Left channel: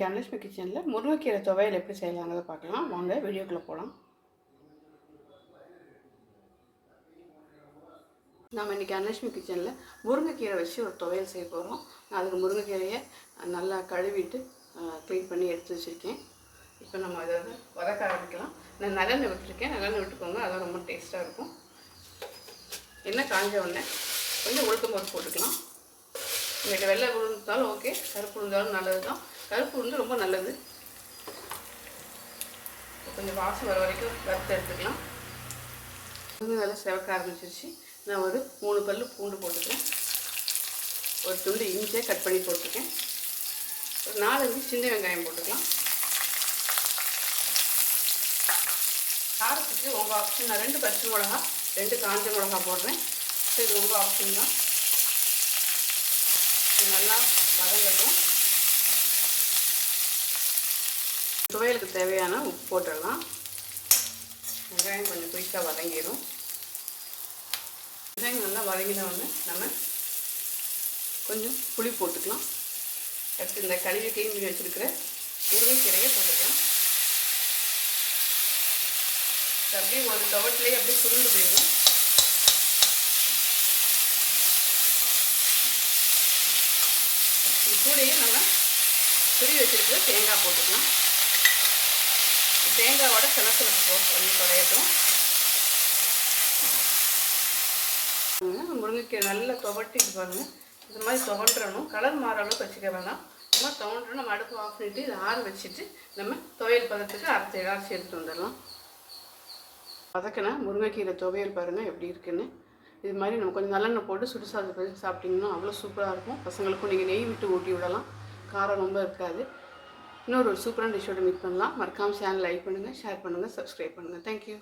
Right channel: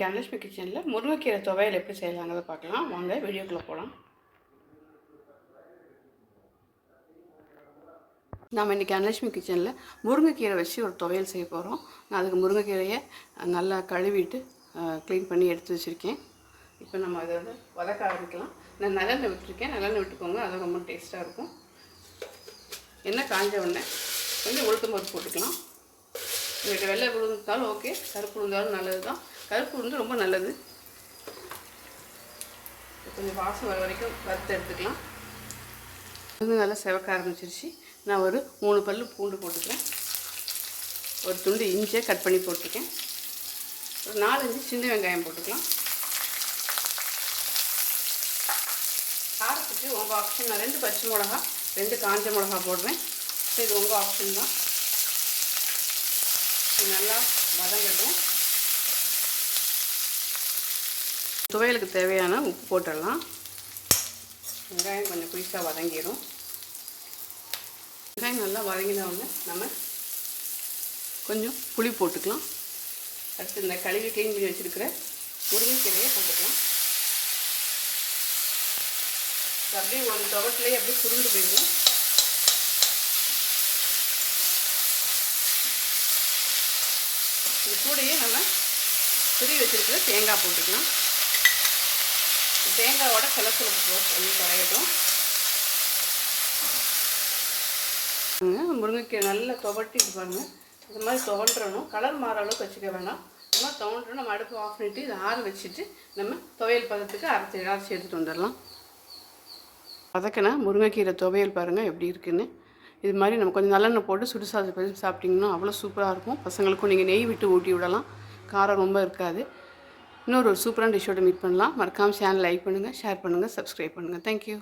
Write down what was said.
தனலட்சுமி கிச்சனில் முருங்கைக்கீரை துவையல் எப்படி செய்யலாங்கிறத பார்க்கலாம். வாங்க வீடியோக்குள்ளே போகலாம் நம்ம இன்றைக்கி அனலட்சுமி கிச்சனில் முருங்கைக்கீரை வச்சு ஒரு துவையல் செய்ய போகிறோம் நான் அதுக்கு முருங்கைக்கீரையை நல்லா கழுவிட்டு க்ளீன் பண்ணி எடுத்து வச்சுருக்கேன். இப்போ நம்ம அதை வந்து வதக்க ஆரம்பிக்கலாம். நான் நல்லெண்ணெய் விட்டுருக்கேன். நல்லெண்ணெய் விட்டுக்கோங்க. அது ரொம்ப டேஸ்ட்டாக இருக்கும். எண்ணெய் காஞ்ச உடனே கொஞ்சம் உளுத்தம் பருப்பு போட்டுக்கலாம். உங்கள்கிட்ட வெள்ளை உளுந்தாலும் ஓகே. கருப்பு உளுந்தாலும் நல்லது தான் கருப்பு உளுந்து ரொம்ப நல்லது. கொஞ்சம் வாசம் வர வரைக்கும் வறுத்து எடுத்துக்கலாம். வந்து நல்லா செவக்க ஆரம்பிச்சிருச்சு. நான் ஒரு மூணு பல் பூண்டு போட்டுக்கிறேன். ஒரு துண்டு இஞ்சியை கட் பண்ணி போட்டிருக்கேன். ஒரு நாலஞ்சு சின்ன வெங்காயம் போட்டுக்கலாம். காரத்துக்கு உங்கள் ஆப்ஷன் நான் ரெண்டு பச்சை மிளகா ரெண்டு காஞ்ச மிளகா போடுறேன். இது உங்கள் ஆப்ஷன் தான். இது நல்லா வதங்கட்டும். துவையலுக்கு தேவையான உப்பு போட்டுடலாம். வெங்காயம் கொஞ்சம் குயிக்காக வதங்கிடும் வெங்காயம் நல்லா வதங்கின உடனே நம்ம கொஞ்சம் புளி போட்டுக்கலாம். அடுத்து இந்த கழுவி க்ளீன் பண்ணி வச்சுருக்கிற முருங்கைக்கீரையை போட்டுக்கலாம். அப்படியே ஒரு துவட்டிலே அப்படியே சுருண்டு போயிடும். இது கூடையே நம்ம துரி வச்சுருக்கிற தேங்காய் போட்டுக்கலாம். தேங்காயோட சிலசிலப்பு போட்டு பண்ணி குறையட்டும் முருங்கைக்கீரை நல்லா துவட்டிட்டு பாருங்கள் இந்த மாதிரி துவண்டுறணும். கலர் மாற அளவுக்கு வச்சுக்க வேணாம். இந்த மாதிரி துவண்டுறோம். நம்ம அடுப்பு ஆஃப் பண்ணிவிட்டு இதை ஆற வச்சுட்டு நம்ம துவையல் பதத்துக்கு அரைச்சி அரைச்சி எடுத்துகிட்டு வந்துடலாம். அதுக்குன்னா முருங்கைக்கீரை துவையல் பாருங்கள் எப்படி இருக்குன்னு. இது மாதிரி நம்ம கொஞ்சம் நல்லெண்ணெய் போட்டு சுடு சாதம் கொஞ்சம் சாப்பிட்டிங்கன்னா அவ்வளோ சூப்பராக இருக்கும். பசங்களுக்கும் நீங்கள் நெய் விட்டு ஊட்டி விடலாம். காரம் ரொம்ப இருக்காது. இன்னொரு சூப்பரான டிஷ்ஷோட மீட் பண்ணலாம். மறக்காமல் சேனல் லைக் பண்ணுங்கள் ஷேர் பண்ணுங்கள் சப்ஸ்கிரைப் பண்ணுங்கள் தேங்க்யூ